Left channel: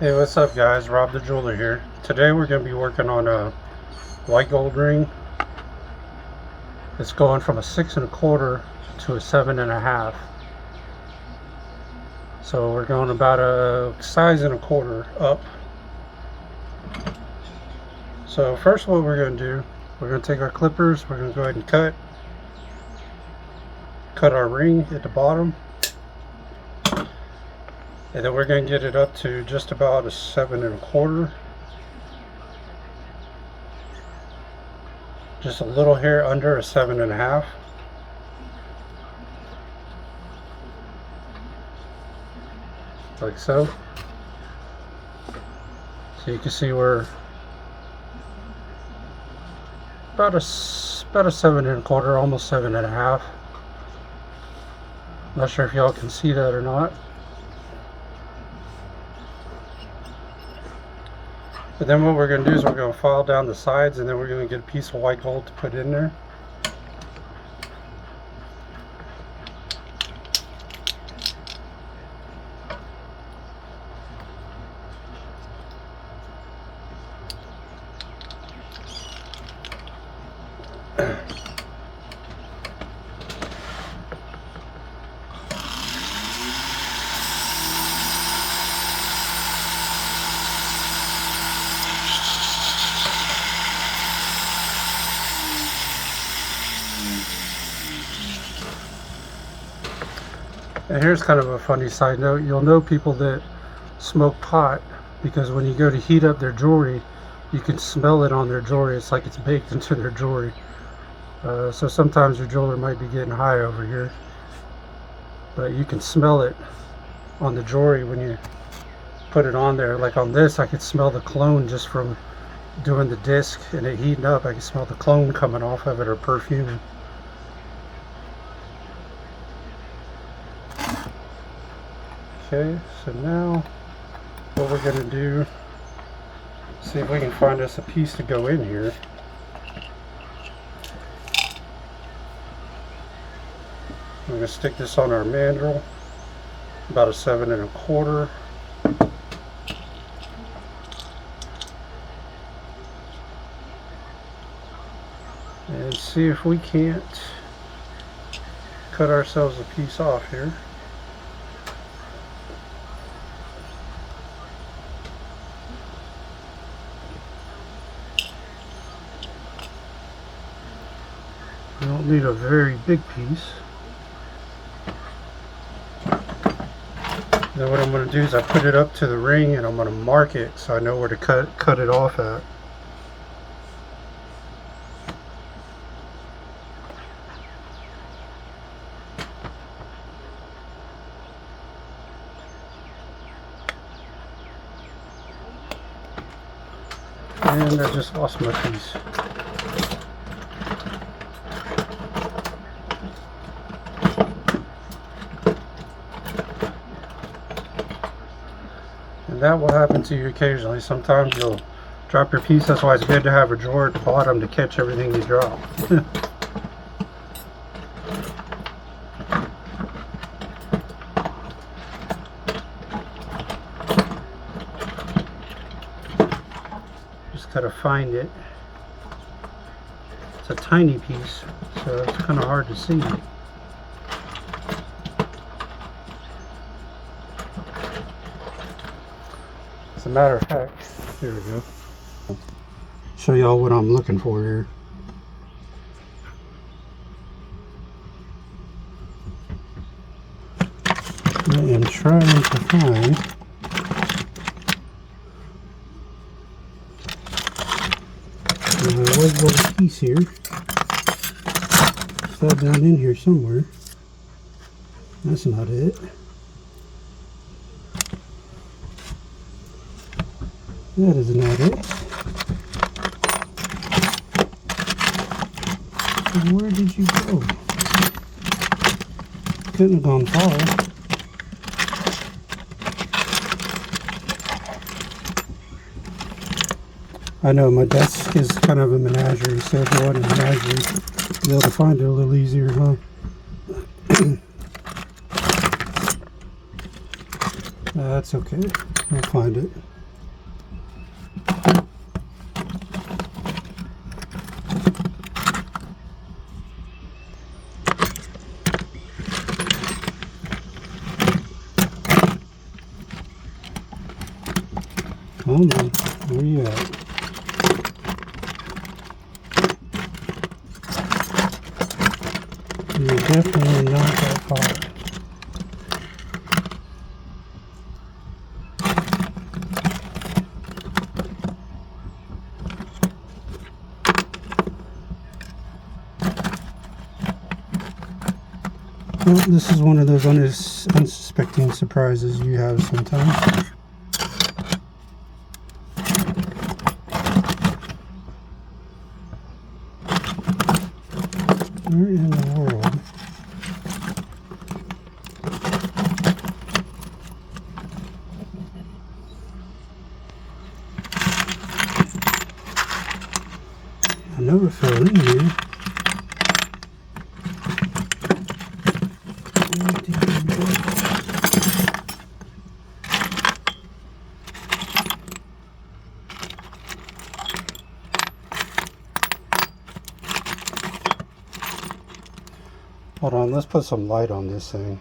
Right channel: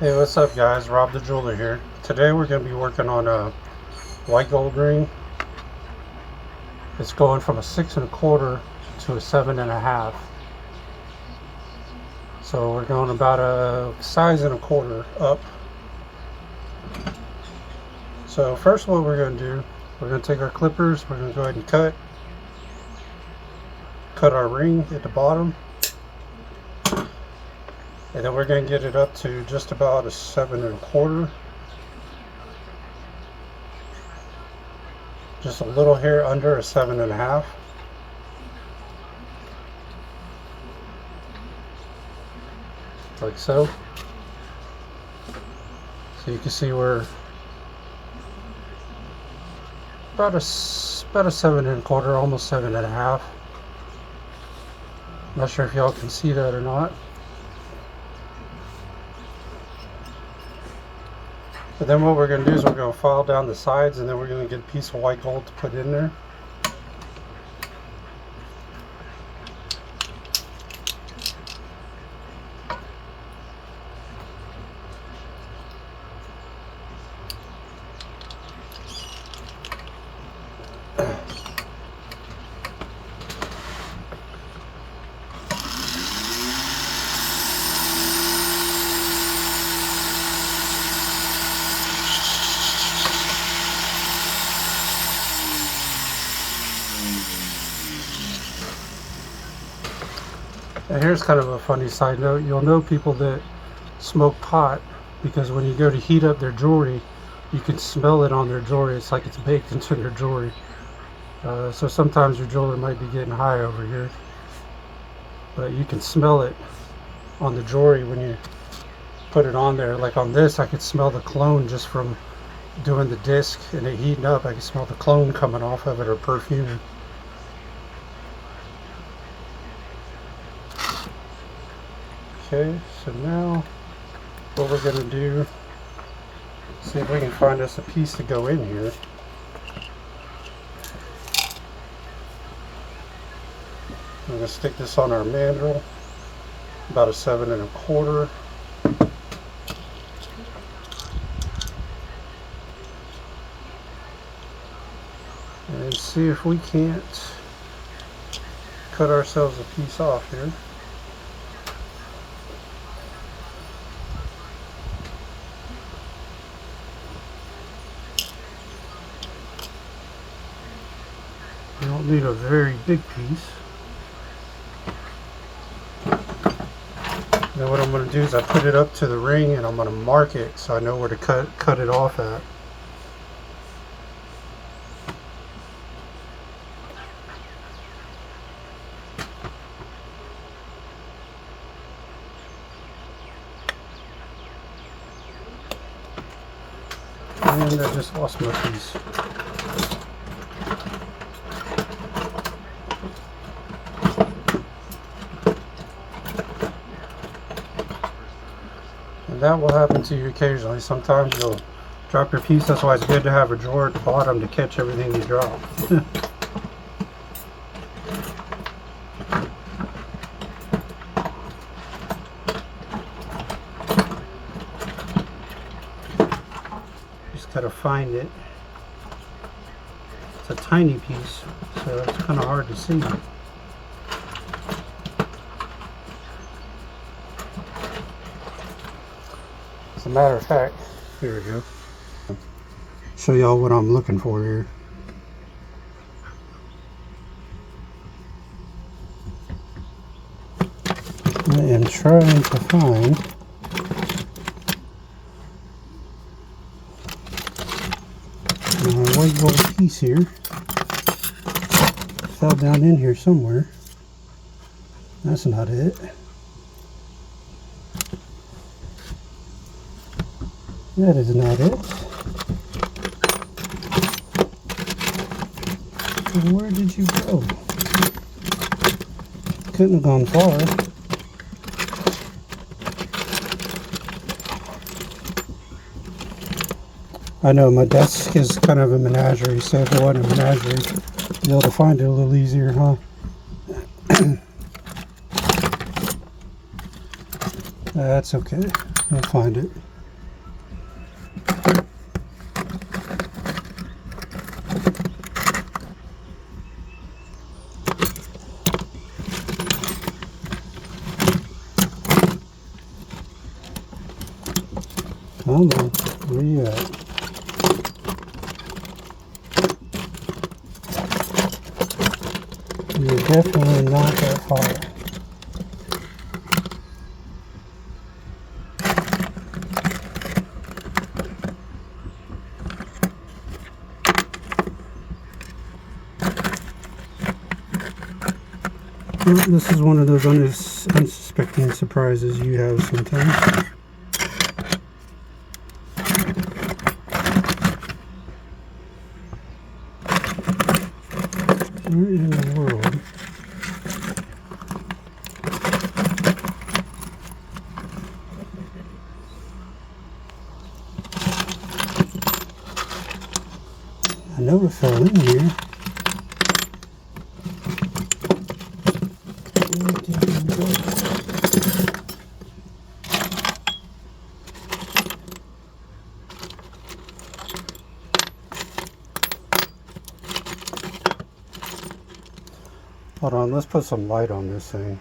Hey, what's up guys? Rob the Jeweler here. Today we're going to be working on a white gold ring. It's going from a 6 1/4 to a 7 1/2. So we're going about a size and a quarter up. So first what we're going to do, we're going to take our clippers, we're going to go ahead and cut our ring at the bottom. And then we're going to get it up to just about a 7 1/4. Just a little hair under a 7 1/2. Like so. So you can see we're about a 7 1/4, almost 7 1/2. Not sure if y'all can see that or not. But then what we're going to do is we're going to file down the sides, and then we're going to get a piece of white gold to put in there. And here's kind of a funny side note. You'll know people that smoke pot because when you go to heat up their jewelry, you can smell it on their jewelry. It's like it's baked into their jewelry. So sometimes your jeweler might be getting high over here, but you can smell it on the jewelry when you put it on there. Like on this, I could smell the cologne just from doing the disc and it heating up. I can smell the cologne coming off of it, or perfume. Okay, so now what we're going to do, see if we can find us a piece to go in here. I'm going to stick this on our mandrel, about a 7 1/4. And see if we can't cut ourselves a piece off here. You don't need a very big piece. Then what I'm going to do is I put it up to the ring and I'm going to mark it so I know where to cut it off at. And I just lost my piece. And that will happen to you occasionally. Sometimes you'll drop your piece. That's why it's good to have a drawer at the bottom to catch everything you drop. Just gotta find it. It's a tiny piece, so it's kind of hard to see. As a matter of fact, here we go. Show y'all what I'm looking for here. I am trying to find my white gold piece here. Fell down in here somewhere. That's not it. That is not it. Where did you go? Couldn't have gone far. I know my desk is kind of a menagerie, so if it wasn't a menagerie, you'd be able to find it a little easier, huh? That's okay. We'll find it. Come on, where you at? You're definitely not that far. Well, this is one of those unsuspecting surprises you have sometimes. Where in the world? I know it fell in here. Hold on, let's put some light on this thing.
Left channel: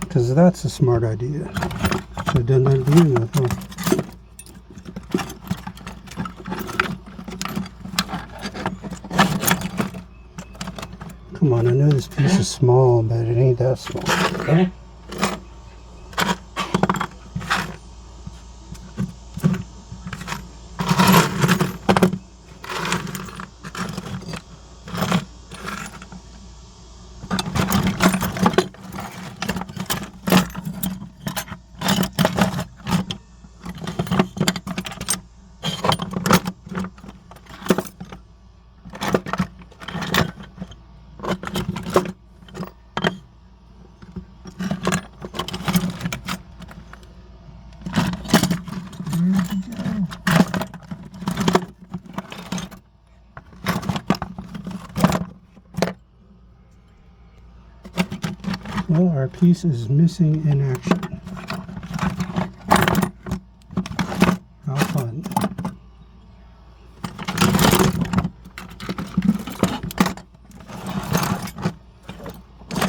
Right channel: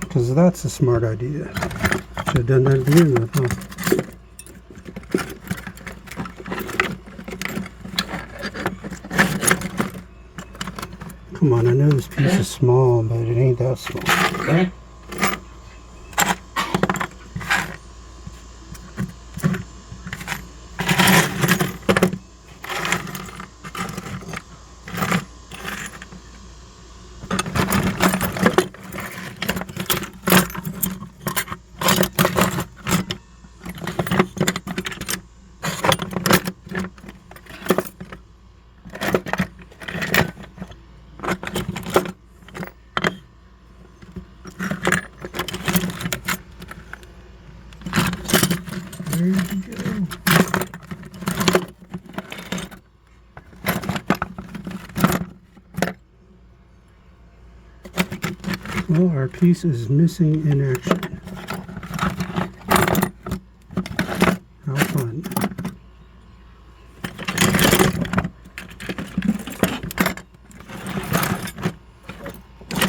Because that's a smart idea. Should have done that to begin with, huh? Come on, I know this piece is small, but it ain't that small. Well, our piece is missing in action. How fun.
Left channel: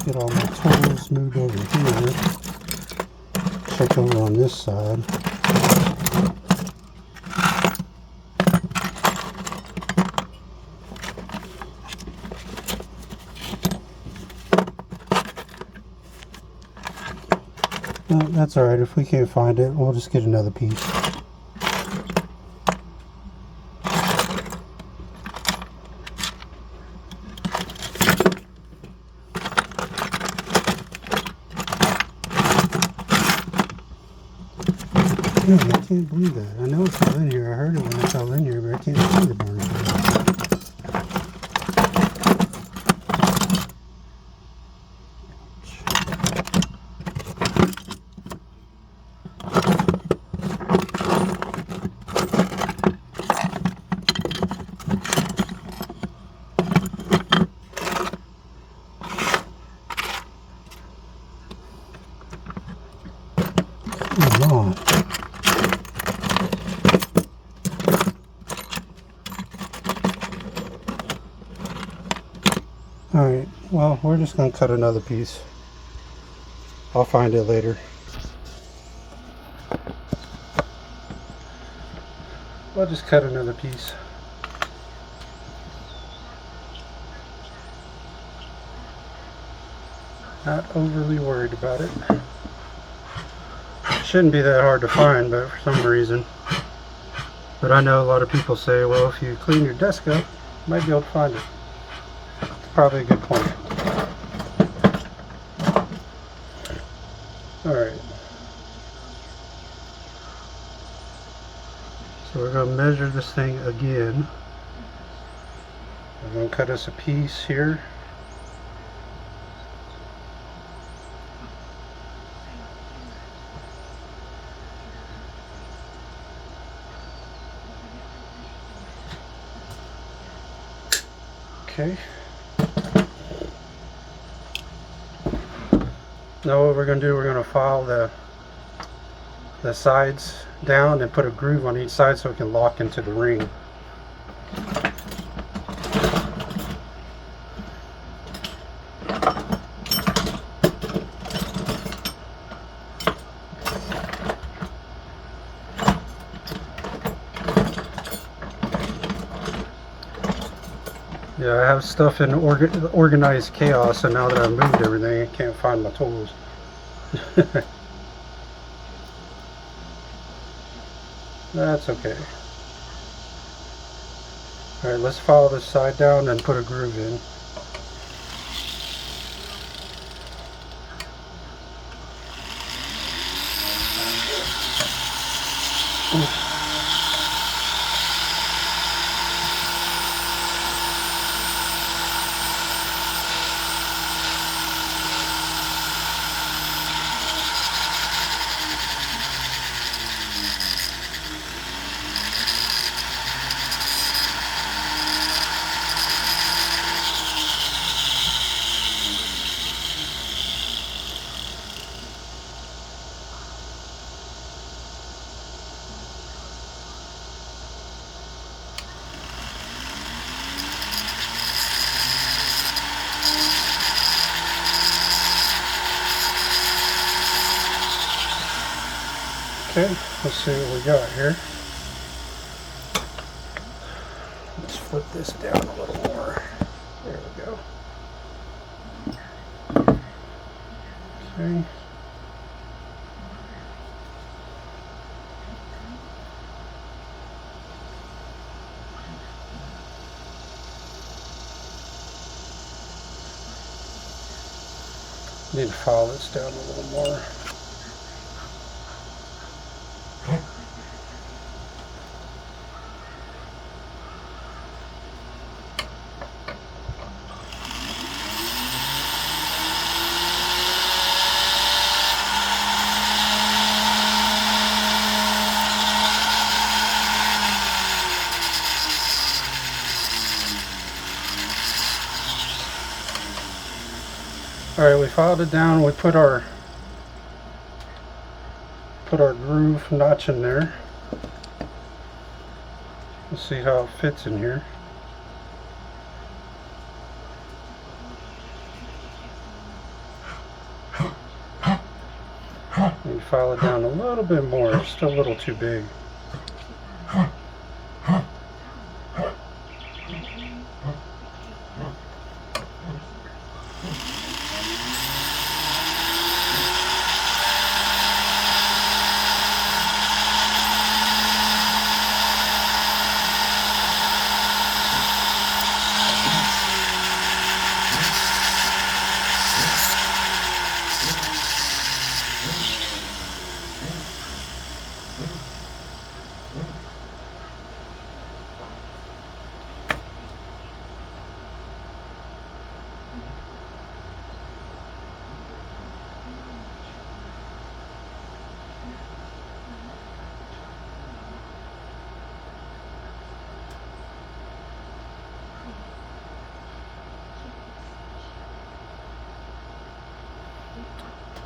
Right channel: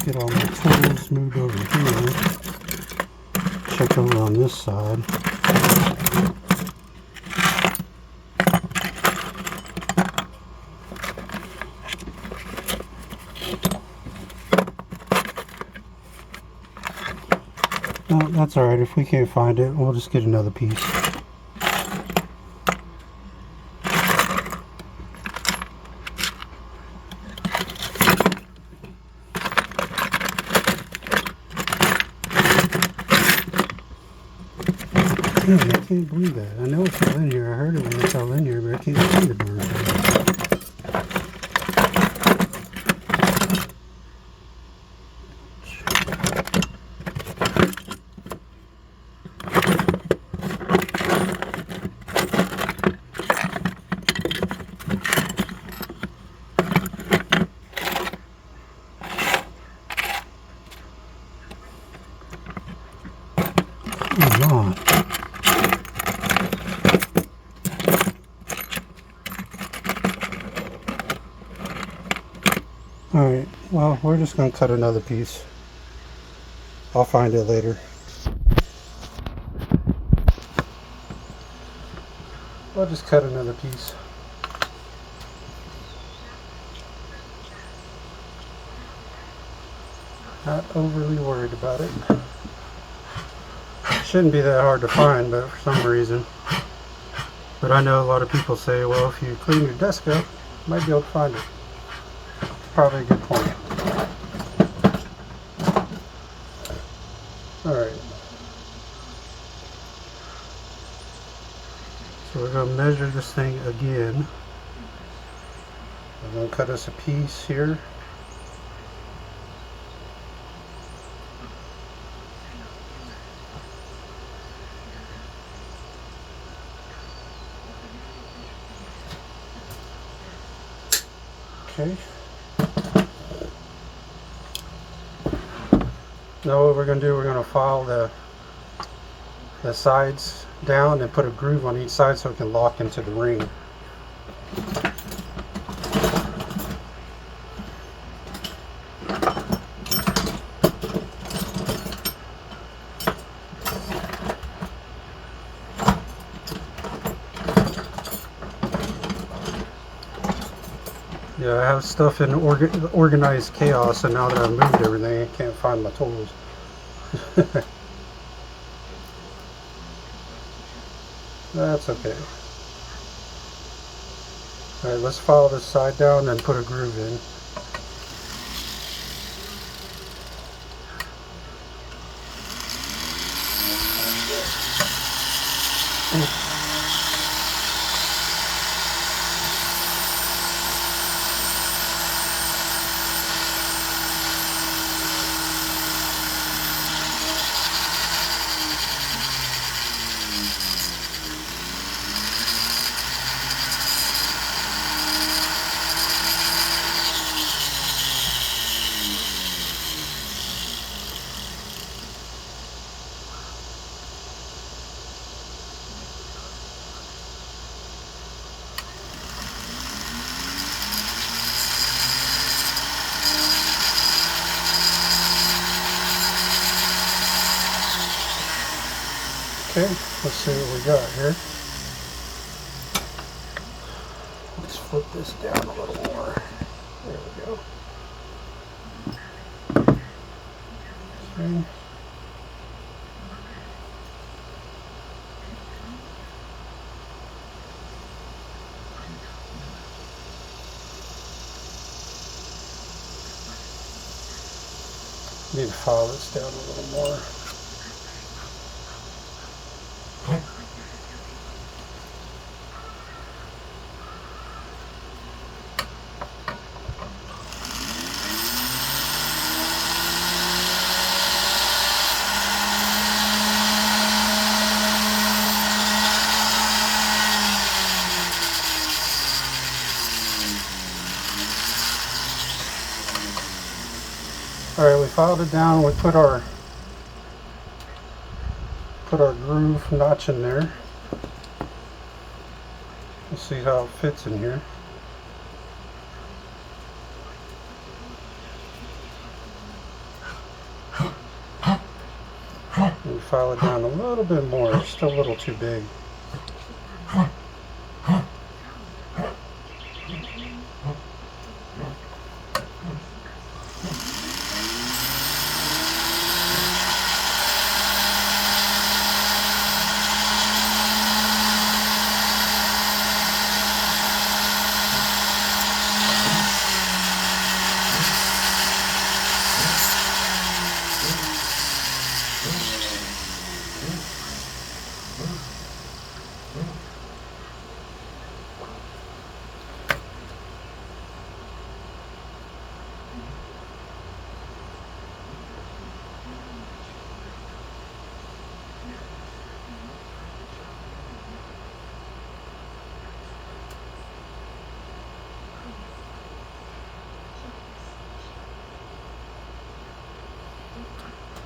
Get all my tools moved over here. Check over on this side. No, that's alright. If we can't find it, we'll just get another piece. Dang, I can't believe that. I know it fell in here. I heard it when it fell in here, but I can't see the darn thing. Come on. Alright, well, we're just going to cut another piece. I'll find it later. I'll just cut another piece. Not overly worried about it. Shouldn't be that hard to find, but for some reason. But I know a lot of people say, well, if you clean your desk up, you might be able to find it. It's probably a good point. Alright. So we're going to measure this thing again. I'm going to cut us a piece here. Okay. Now what we're going to do, we're going to file the sides down and put a groove on each side so it can lock into the ring. Yeah, I have stuff in organized chaos, and now that I've moved everything, I can't find my tools. That's okay. Alright, let's file this side down and put a groove in. Okay, let's see what we got here. Let's flip this down a little more. There we go. Okay. Need to file this down a little more. Alright, we filed it down. We put our groove notch in there. Let's see how it fits in here. And file it down a little bit more. It's still a little too big.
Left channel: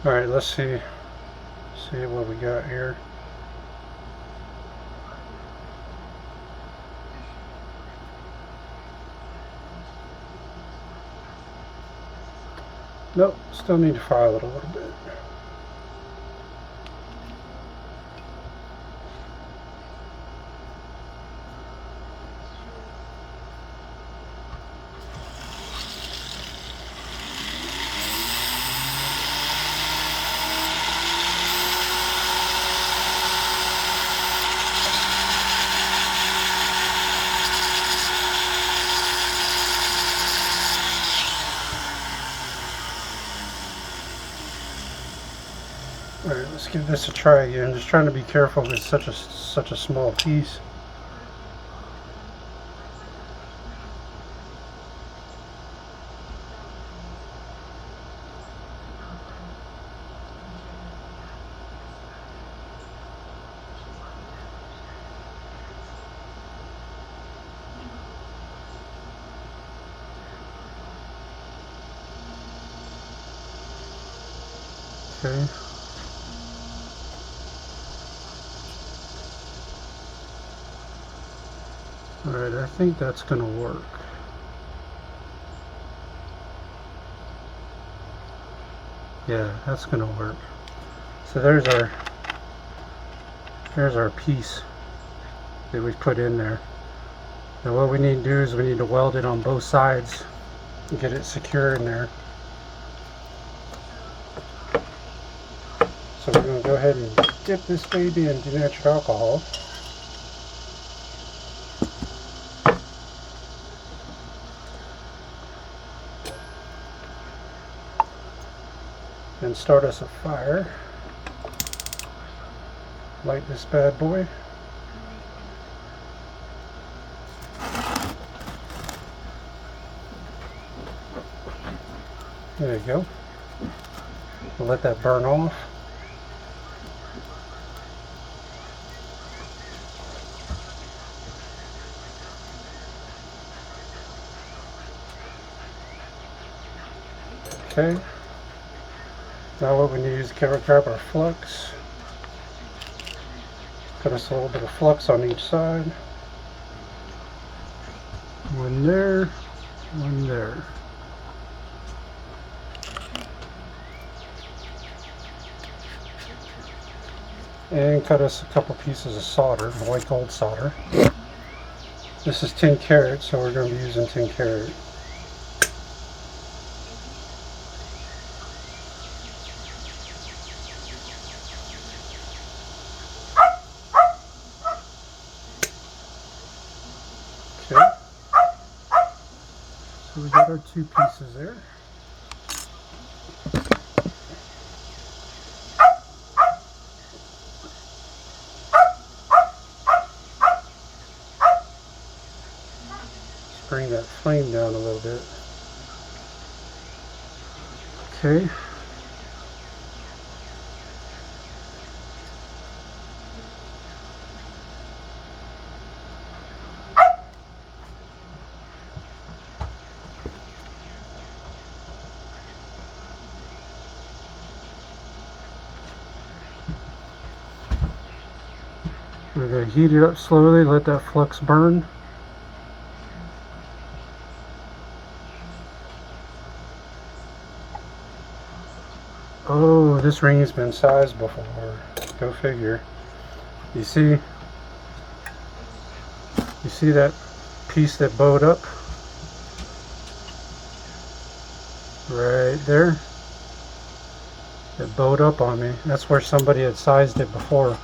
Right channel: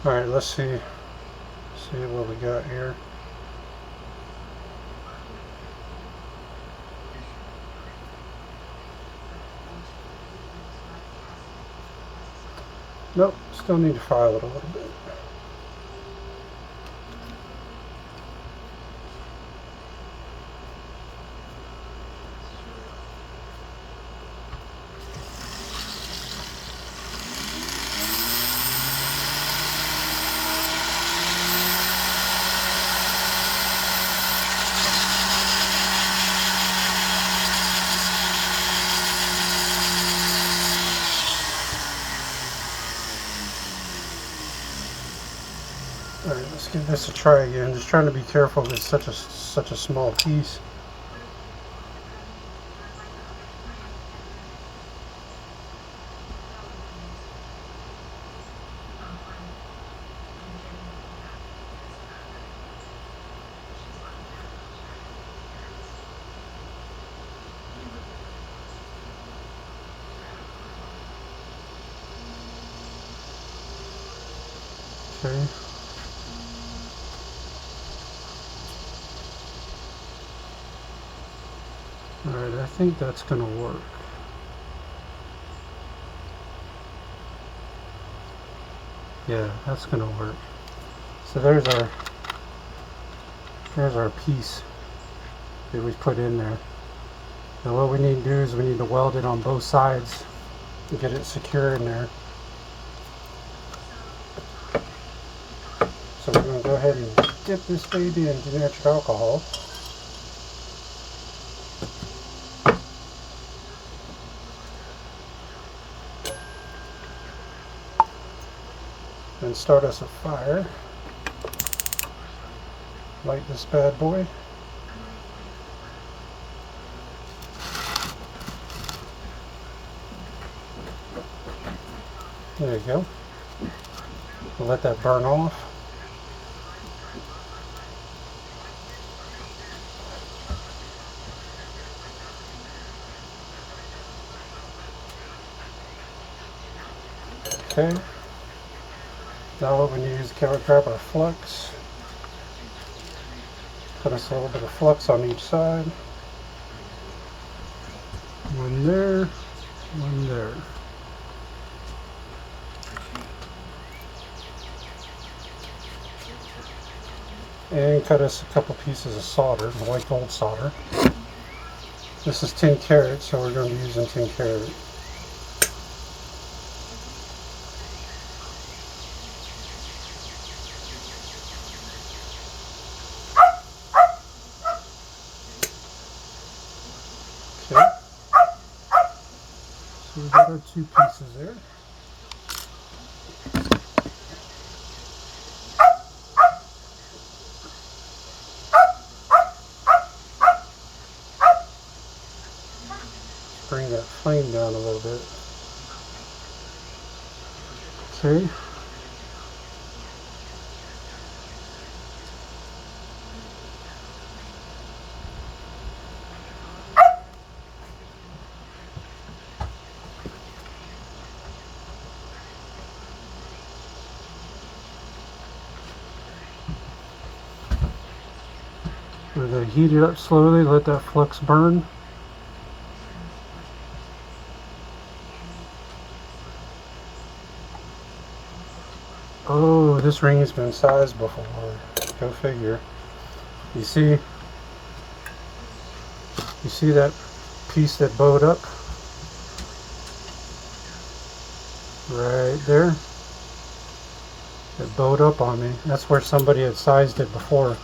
Alright, let's see what we got here. Nope, still need to file it a little bit. Alright, let's give this a try again. Just trying to be careful with such a small piece. Okay. Alright, I think that's going to work. Yeah, that's going to work. So there's our piece that we put in there. Now what we need to do is we need to weld it on both sides and get it secure in there. So we're going to go ahead and dip this baby in denatured alcohol. And start us a fire. Light this bad boy. There you go. We'll let that burn off. Okay. Now what we need is to grab our flux. Put us a little bit of flux on each side. One there, one there. And cut us a couple pieces of solder, white gold solder. This is 10 karat, so we're going to be using 10 karat. Okay. So we got our two pieces there. Bring that flame down a little bit. Okay. We're going to heat it up slowly, let that flux burn. Oh, this ring has been sized before. Go figure. You see that piece that bowed up? Right there. It bowed up on me. That's where somebody had sized it before.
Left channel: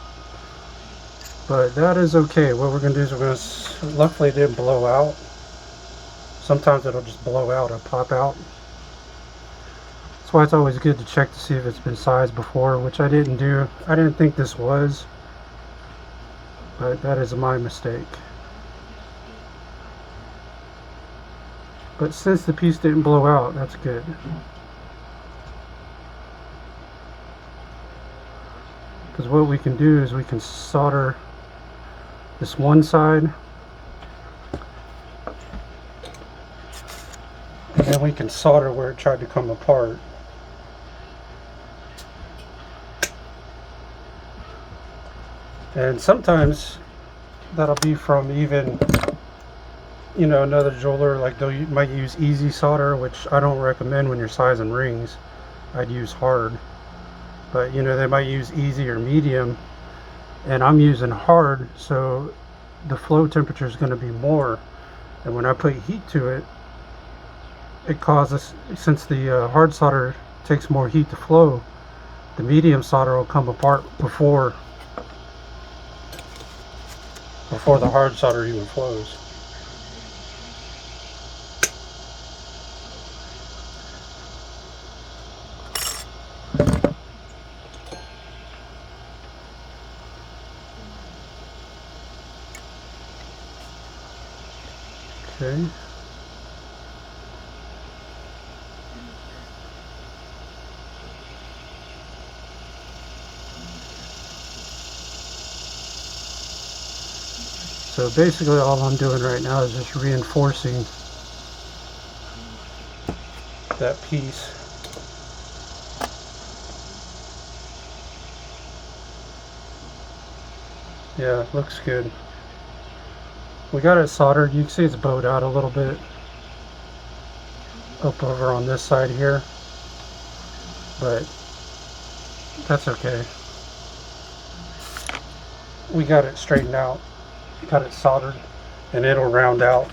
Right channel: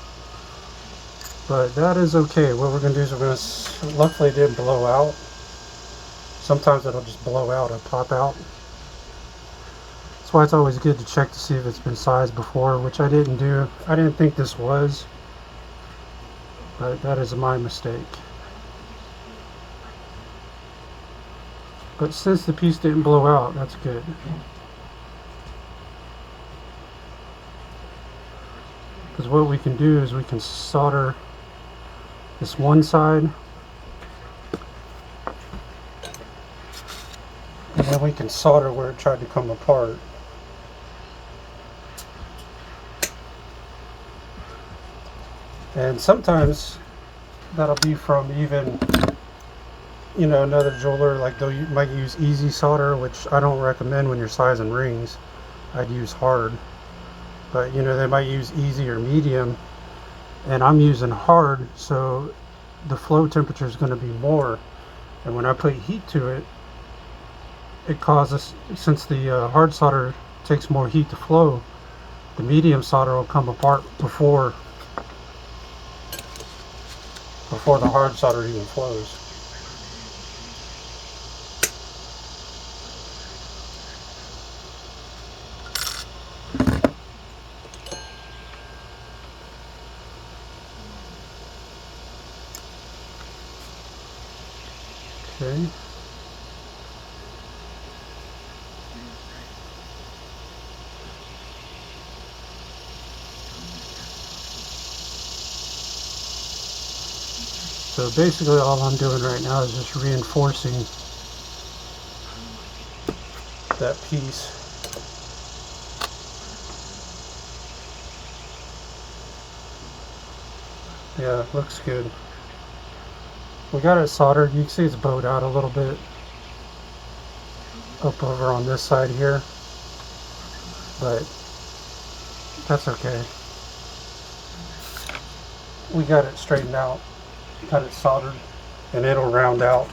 But that is okay. What we're going to do is we're going to, luckily it didn't blow out. Sometimes it'll just blow out or pop out. That's why it's always good to check to see if it's been sized before, which I didn't do. I didn't think this was, but that is my mistake. But since the piece didn't blow out, that's good. Because what we can do is we can solder this one side, and then we can solder where it tried to come apart. And sometimes that'll be from even, you know, another jeweler, like they might use easy solder, which I don't recommend when you're sizing rings. I'd use hard. But you know, they might use easy or medium, and I'm using hard, so the flow temperature is going to be more. And when I put heat to it, it causes, since the hard solder takes more heat to flow, the medium solder will come apart before the hard solder even flows. Okay. So basically all I'm doing right now is just reinforcing that piece. Yeah, it looks good. We got it soldered. You can see it's bowed out a little bit up over on this side here, but that's okay. We got it straightened out, got it soldered, and it'll round out.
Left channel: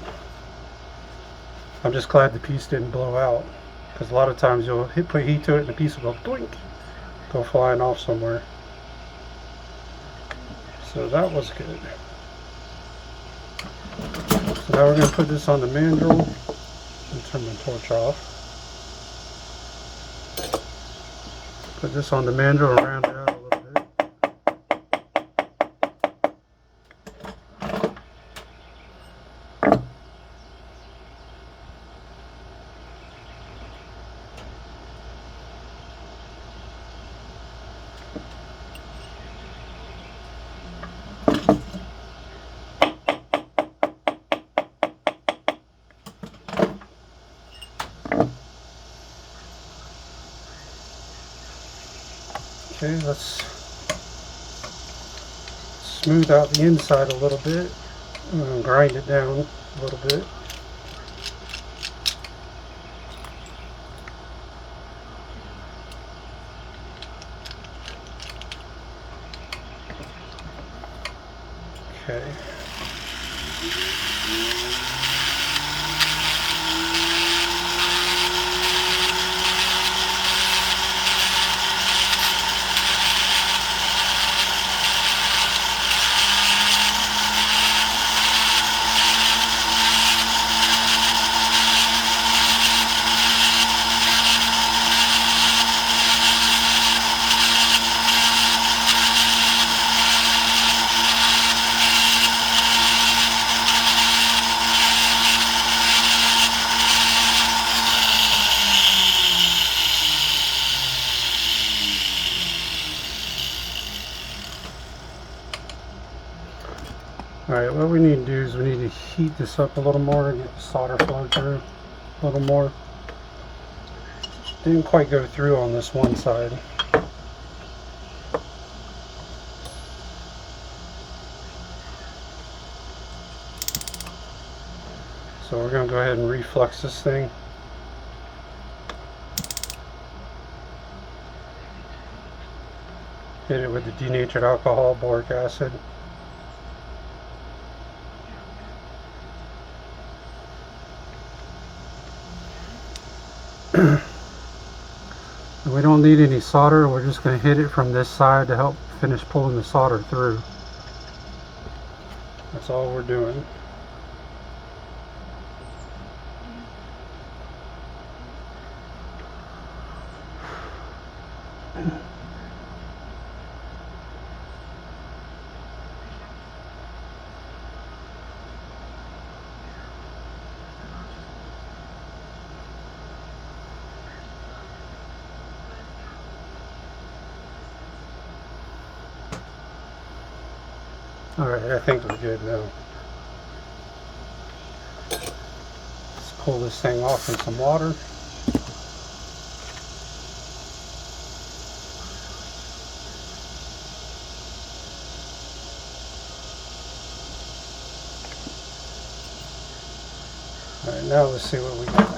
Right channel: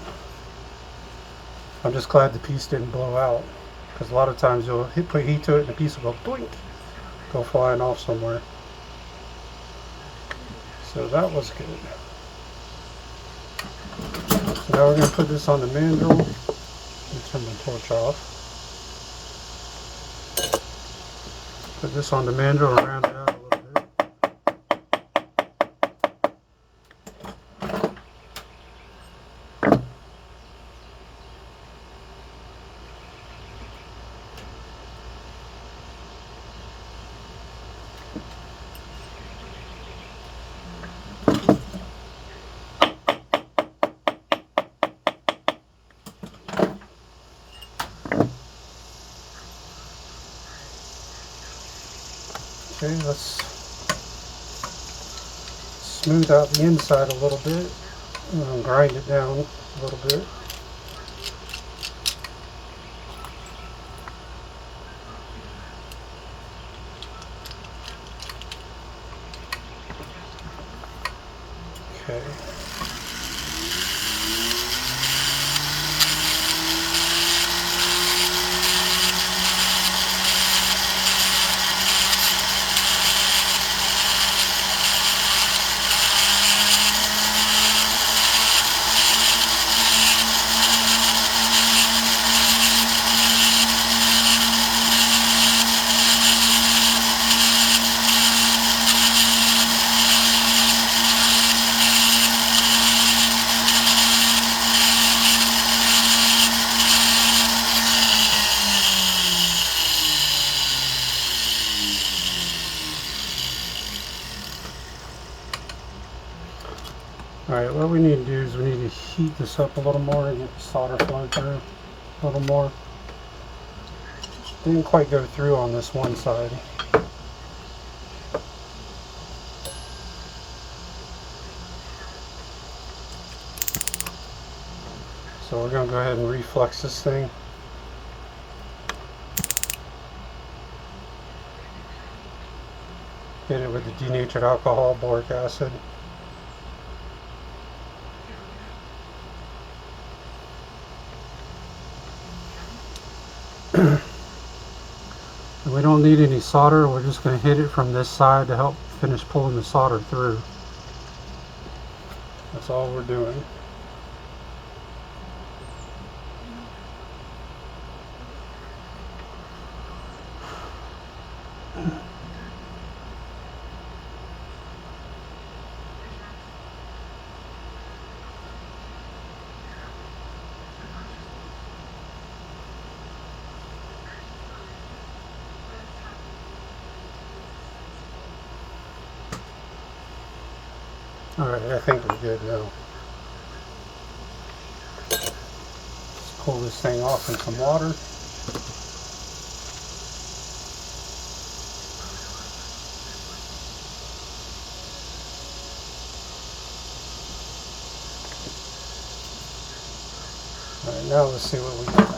I'm just glad the piece didn't blow out, because a lot of times you'll put heat to it and the piece will go blink, go flying off somewhere. So that was good. So now we're going to put this on the mandrel and turn my torch off. Put this on the mandrel and round it out a little bit. Okay, let's smooth out the inside a little bit and grind it down a little bit. Okay. Alright, what we need to do is we need to heat this up a little more and get the solder flow through a little more. Didn't quite go through on this one side. So we're going to go ahead and reflux this thing. Hit it with the denatured alcohol, boric acid. And we don't need any solder. We're just going to hit it from this side to help finish pulling the solder through. That's all we're doing. Alright, I think we're good now. Let's pull this thing off in some water. Alright, now let's see what we got.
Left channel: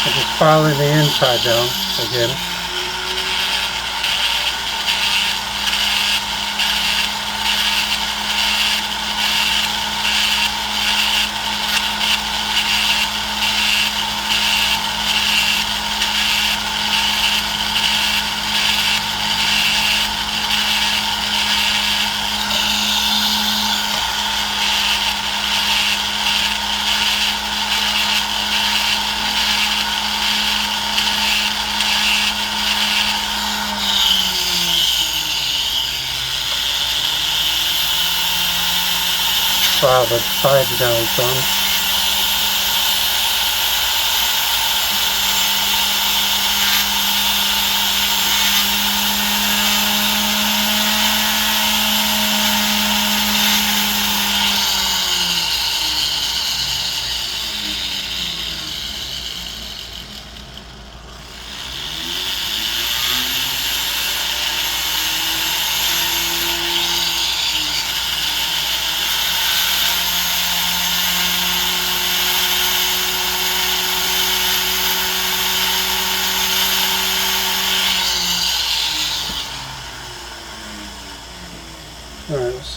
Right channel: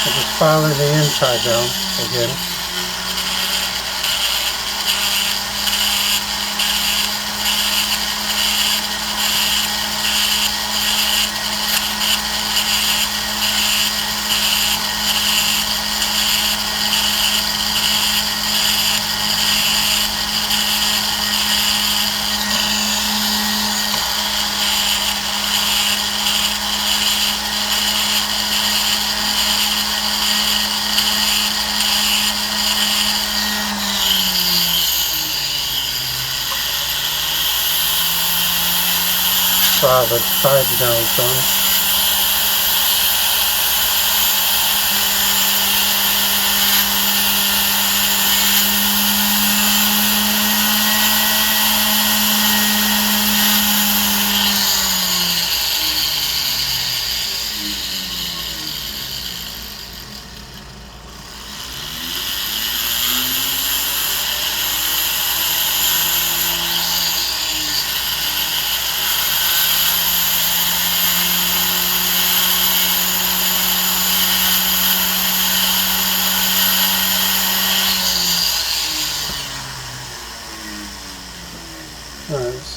I'm just filing the inside down again. File the sides down some.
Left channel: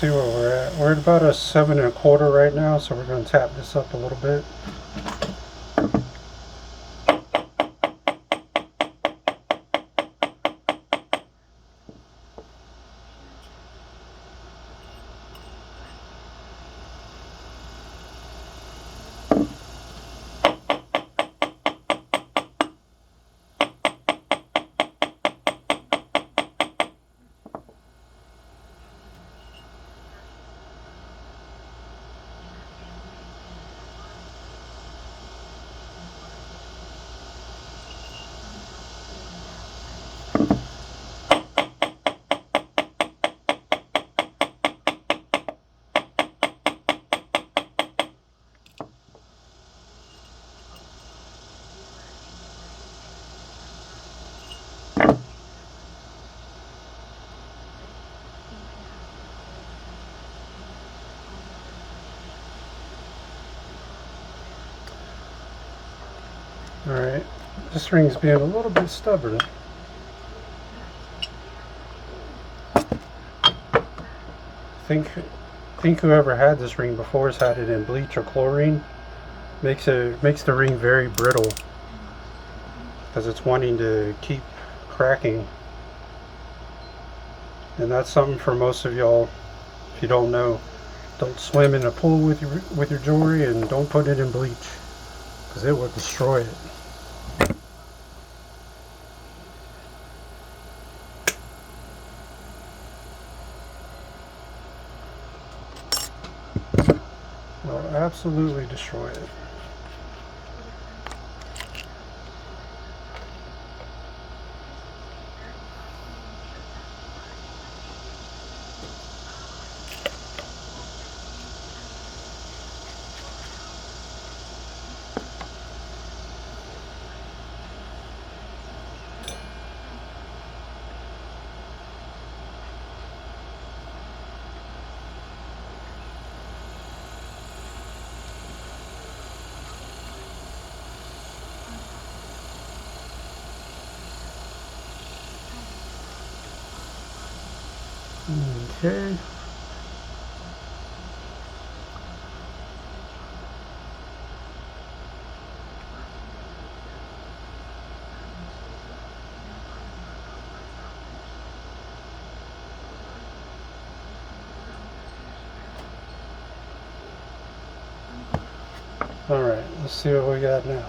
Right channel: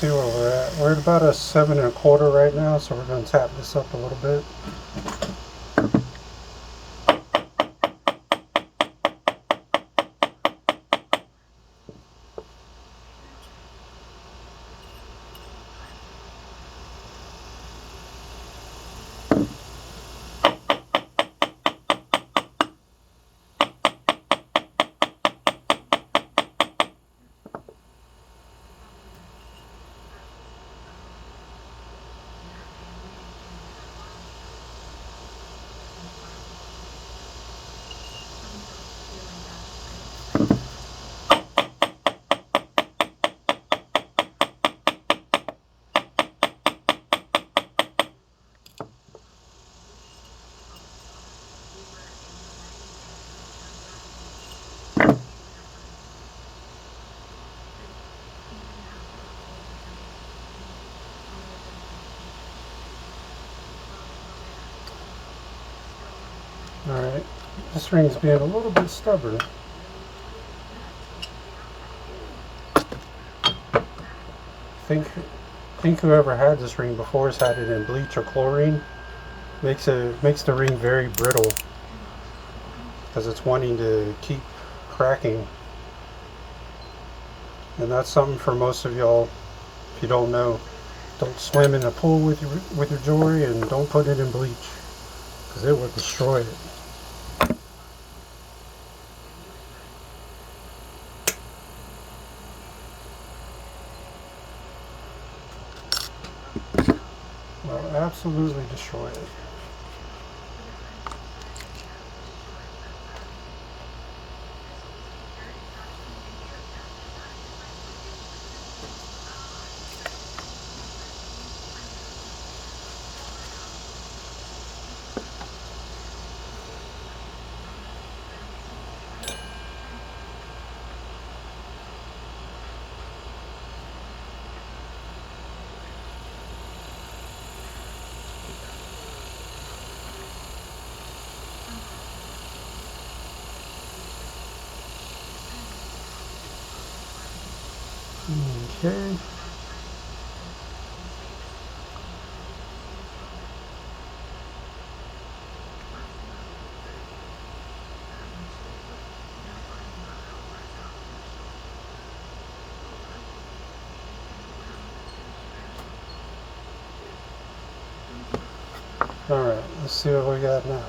see where we're at. We're at about a 7 1/4 right now, so we're going to tap this up a little bit. Alright, this ring's being a little bit stubborn. think whoever had this ring before has had it in bleach or chlorine. Makes the ring very brittle because it's wanting to keep cracking. And that's something for most of y'all, if you don't know. Don't swim in a pool with your jewelry, and don't put it in bleach because it will destroy it. Will absolutely destroy it. Okay. All right, let's see what we got now.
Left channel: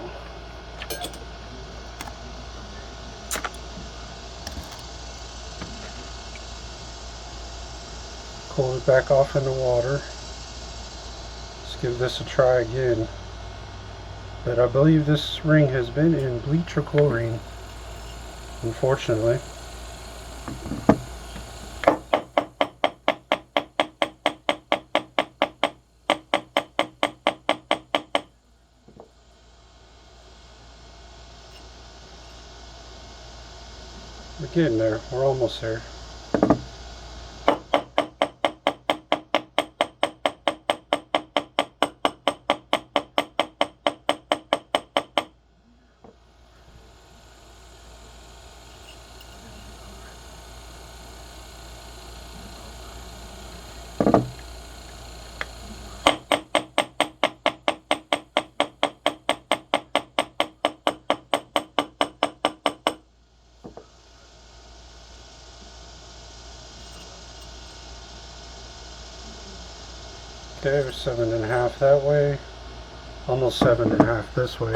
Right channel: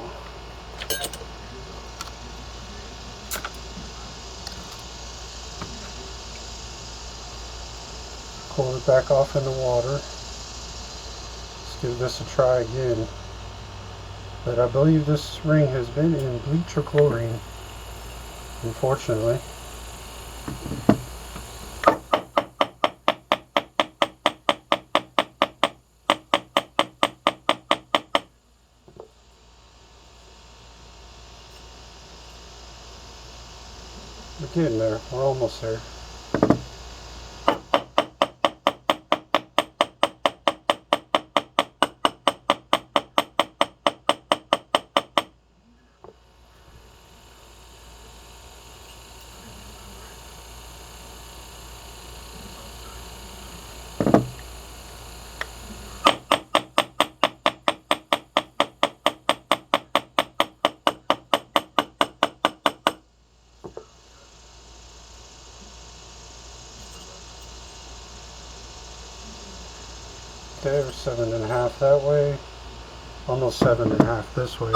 Cool it back off in the water. Let's give this a try again. But I believe this ring has been in bleach or chlorine, unfortunately. We're getting there. We're almost there. Okay, we're 7 1/2 that way, almost 7 1/2 this way.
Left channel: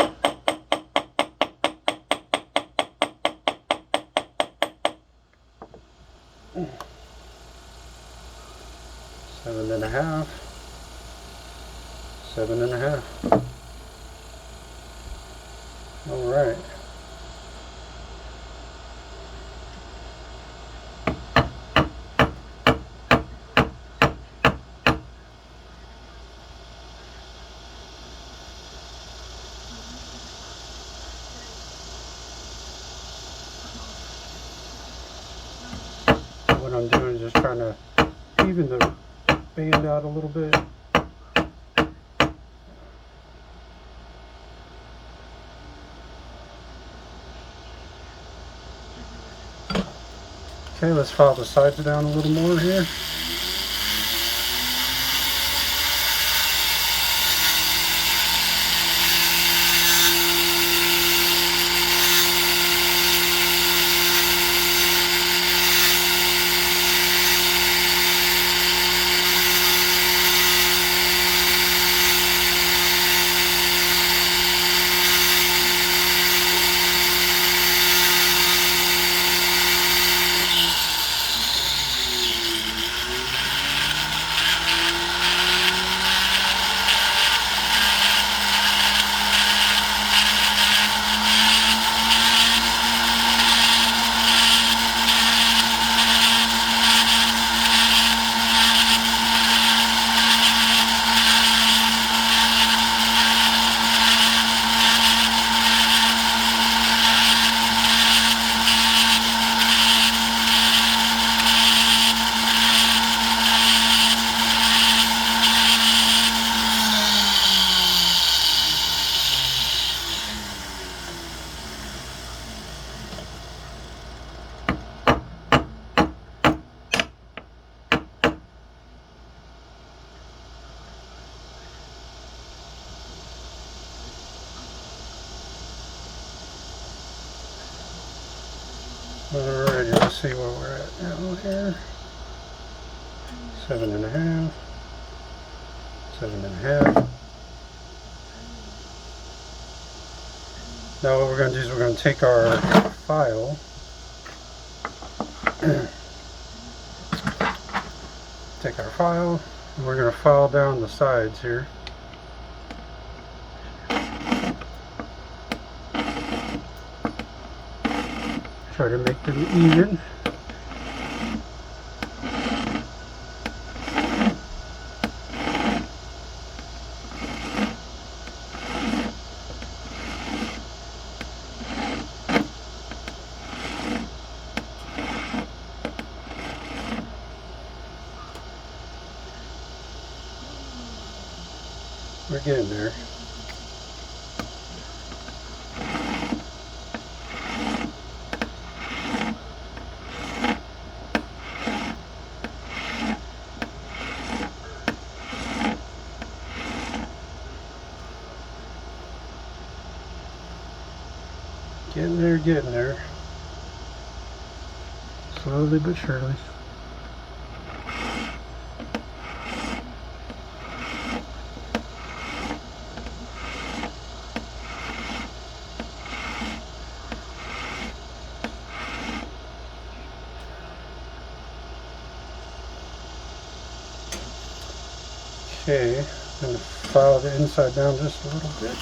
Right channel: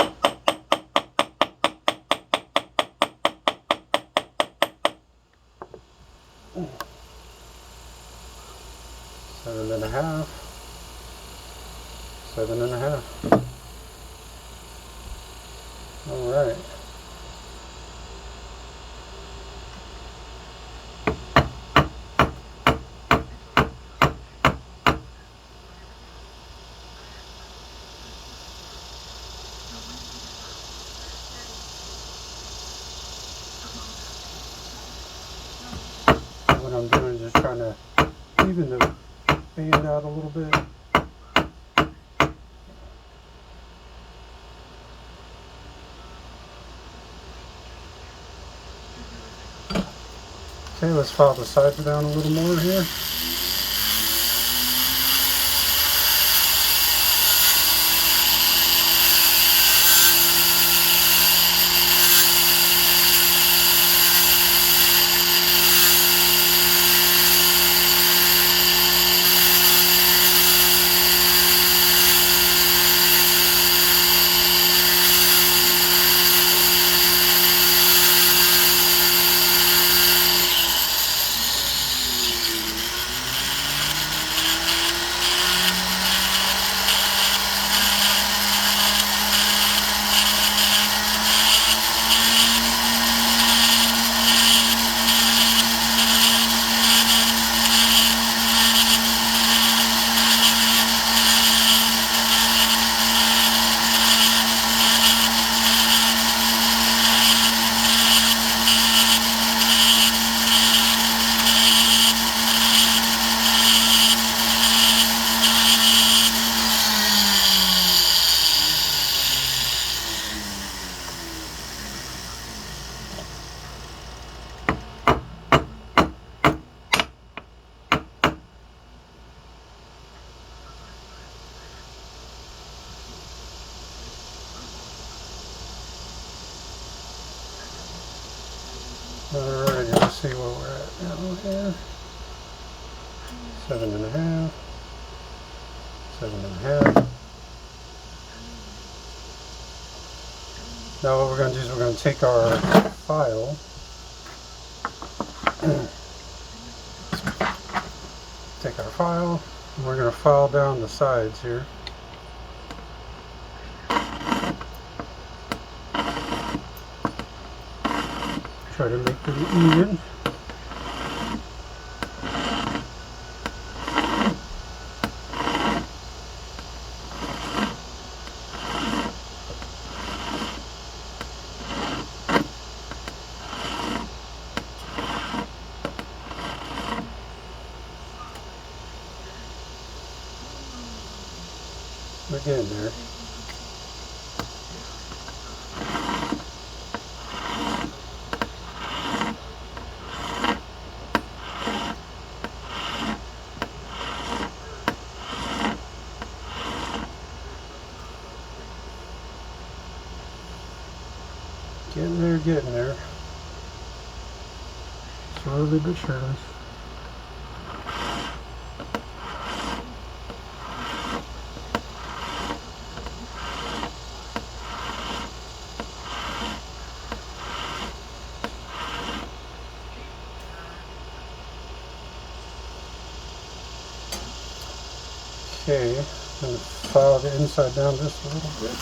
Seven and a half, 7 1/2. All right. What I'm doing is just trying to even the band out a little bit. Okay, let's file the sides down a little more here. Alrighty, let's see where we're at now here. 7.5. 7.5. Now what we're going to do is we're going to take our file, and we're going to file down the sides here. Try to make them even. We're getting there. Getting there. Slowly but surely. Okay, I'm going to file the inside down just a little bit.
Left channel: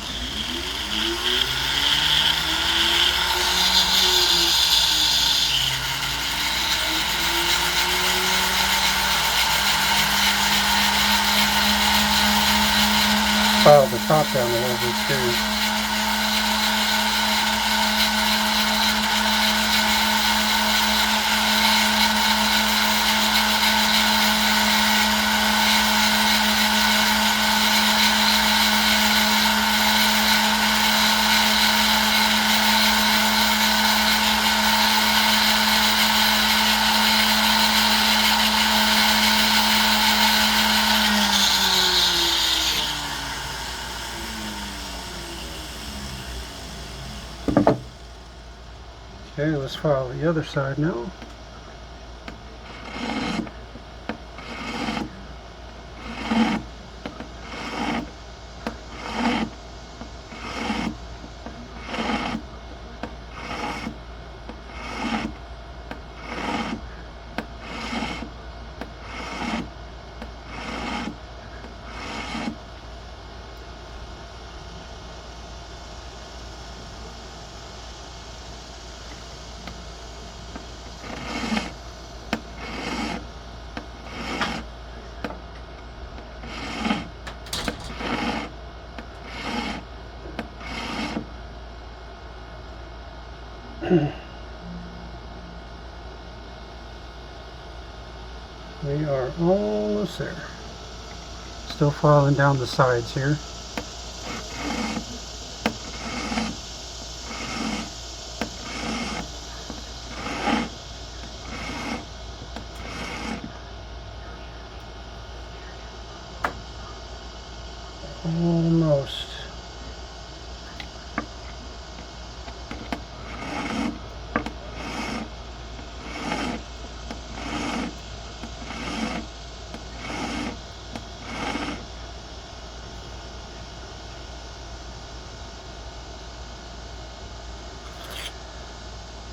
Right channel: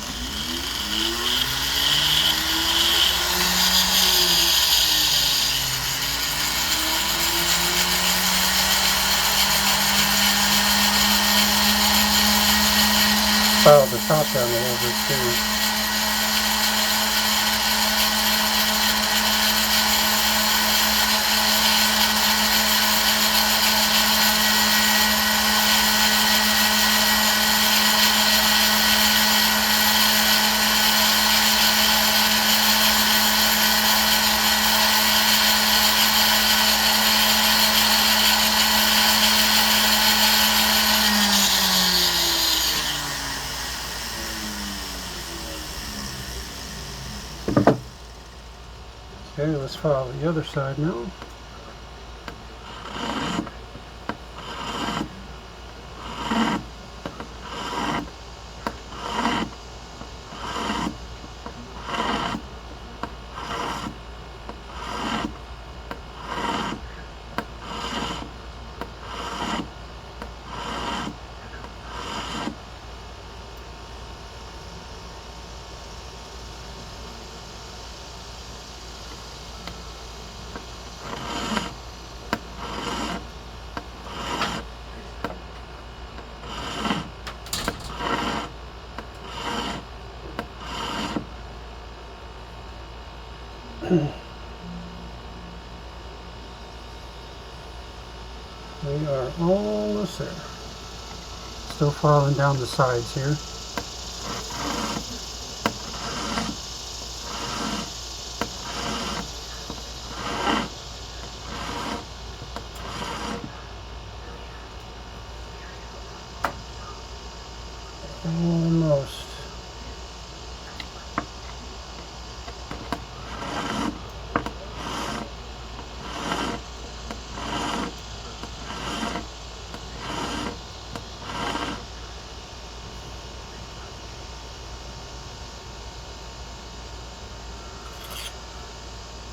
File the top down a little bit too. Okay, let's file the other side now. We are almost there. Still filing down the sides here. Almost.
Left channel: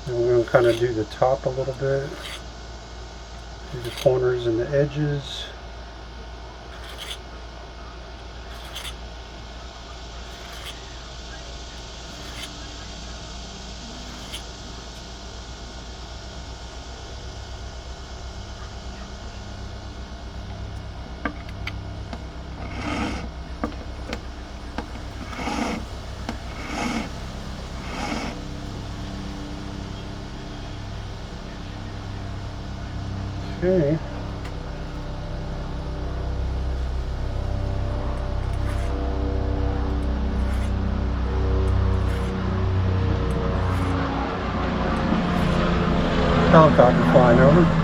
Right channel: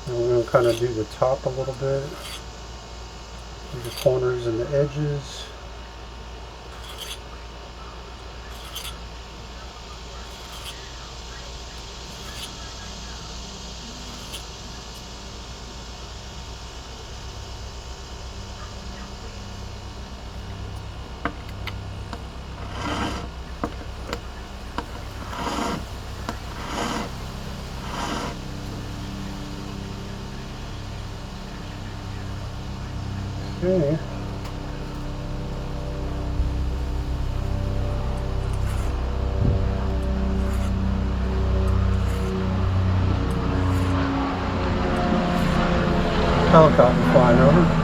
And we're going to kind of do the top a little bit, do the corners and the edges. Okay. Helicopter flying over.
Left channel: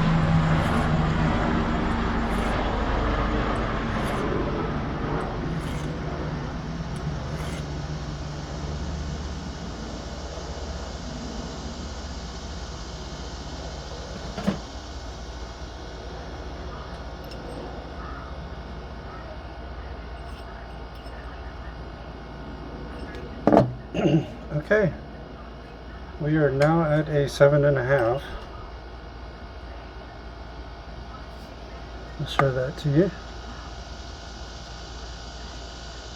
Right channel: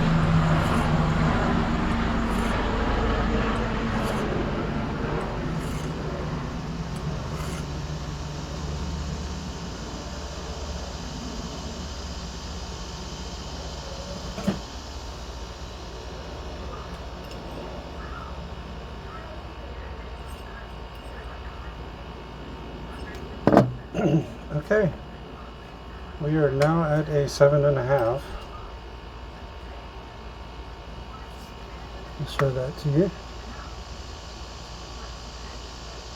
Okay, we are now at a 7.5. I'll show that to you.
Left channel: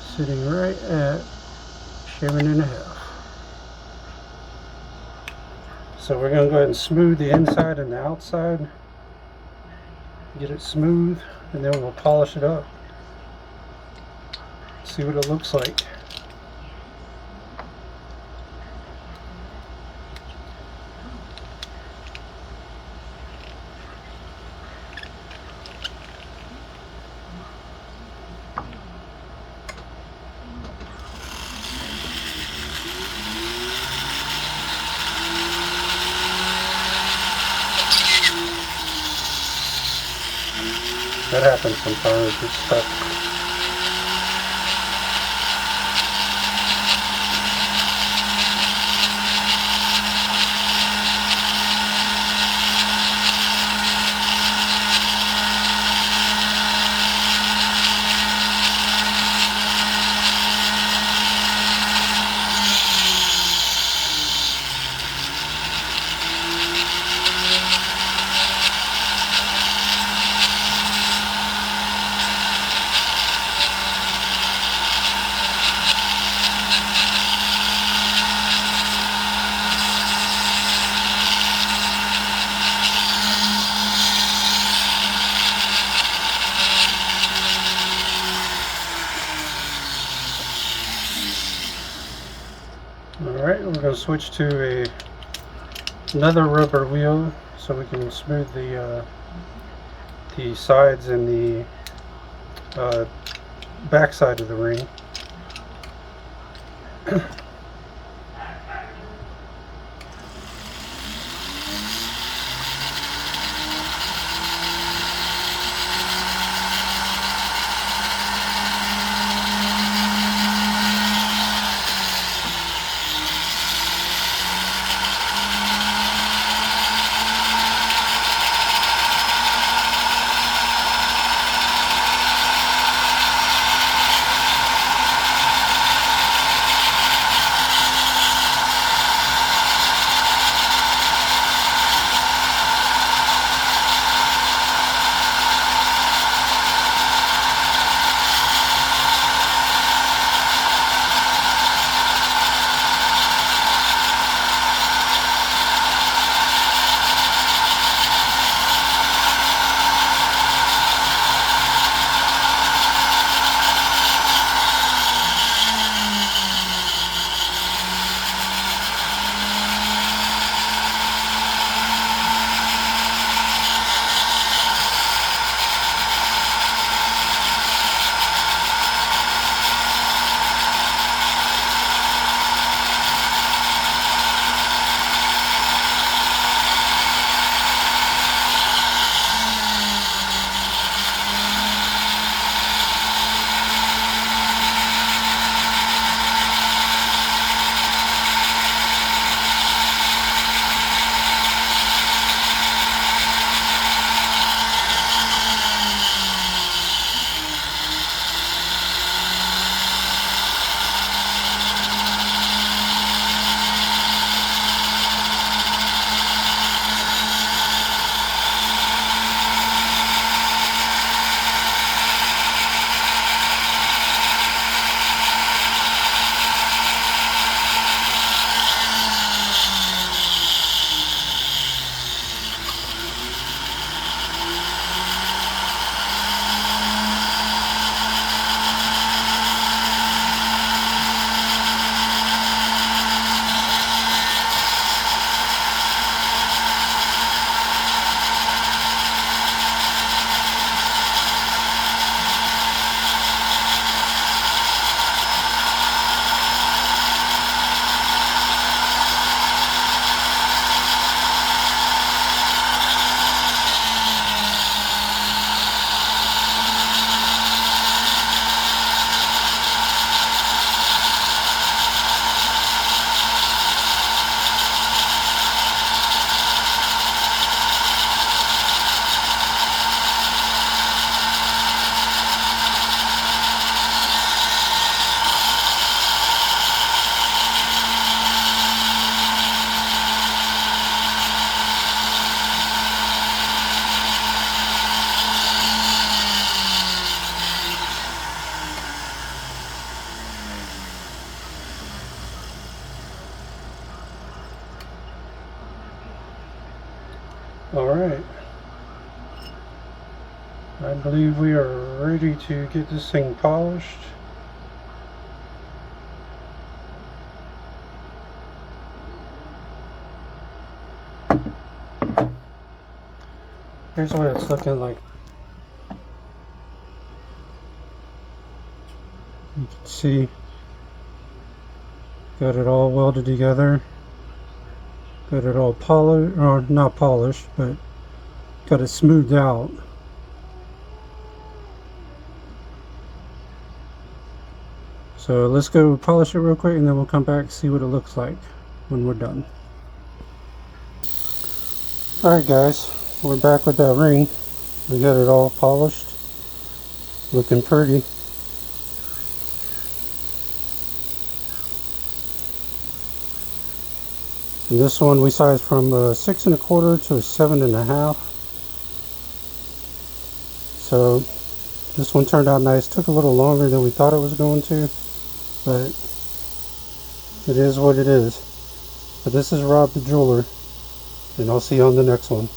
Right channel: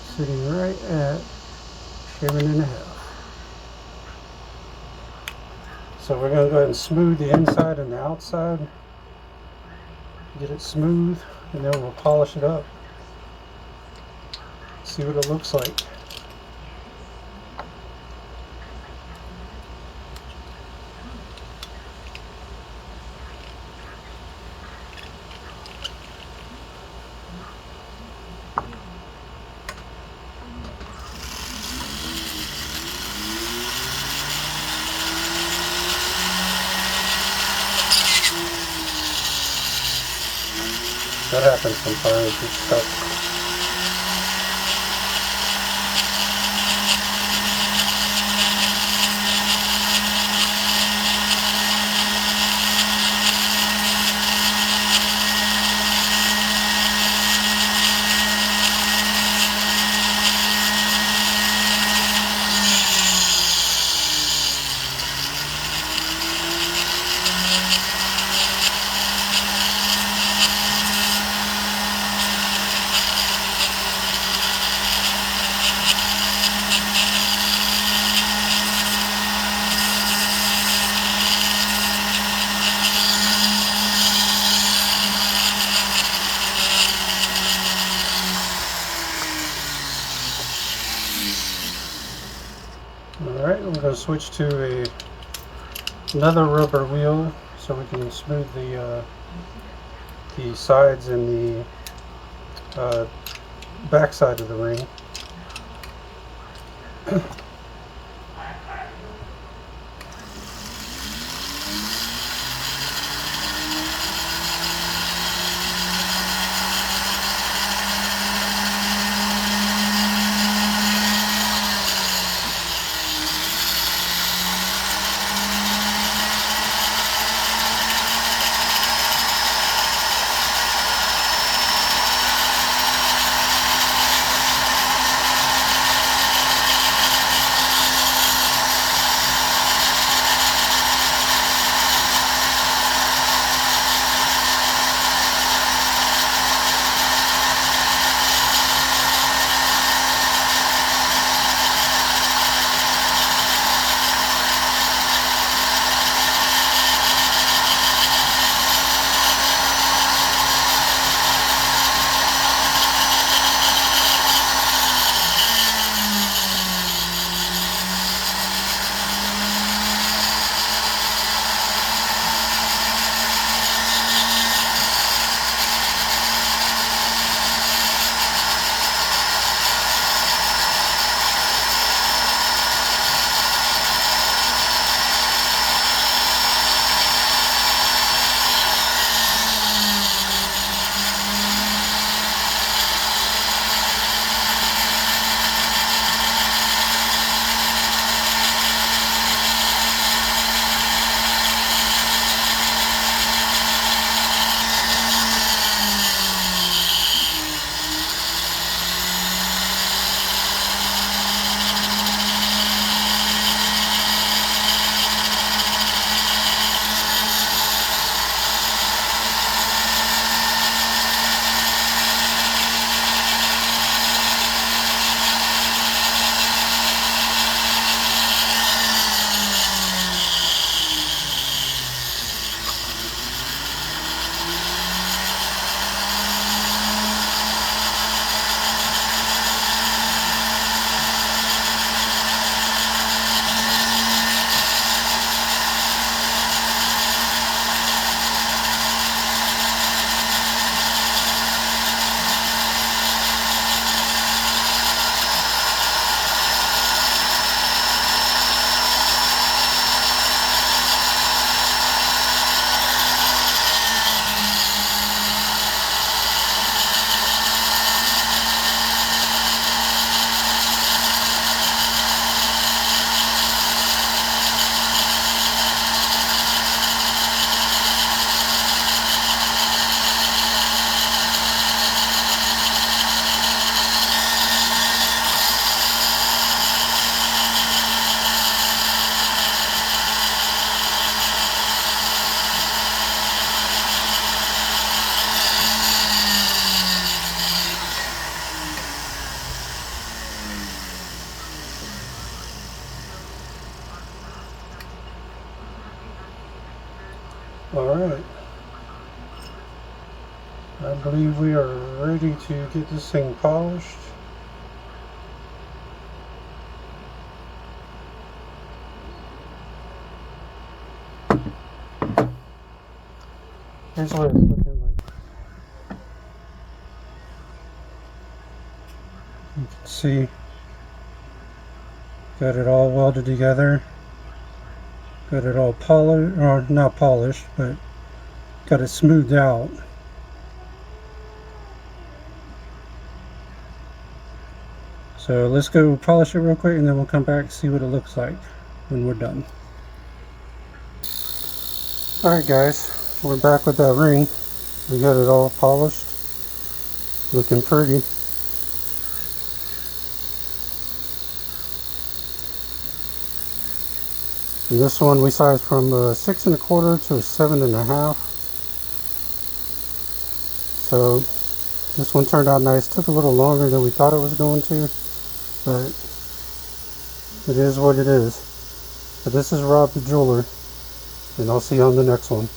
Sitting right at 7.5. So we're going to go ahead and smooth the inside and the outside. Get it smooth, and then we'll polish it up. See what it looks like. That happens sometimes, it's stuck. Alright, we're going to switch to another rubber wheel so we can smooth the sides and the back side of the ring. Alright. I believe we are ready to get this thing polished. Here's what it's looking like. You can see, got it all welded together. Got it all polished, or not polished, but got it smoothed out. So let's go polish it real quick and then we'll come back and see what it looks like when we're done. Alright guys, we're back with that ring. We got it all polished, looking pretty. And this one we sized from 6 1/4 to 7 1/2. So this one turned out nice. Took a little longer than we thought it was going to, but it is what it is. But this is Rob the Jeweler, and I'll see you on the next one.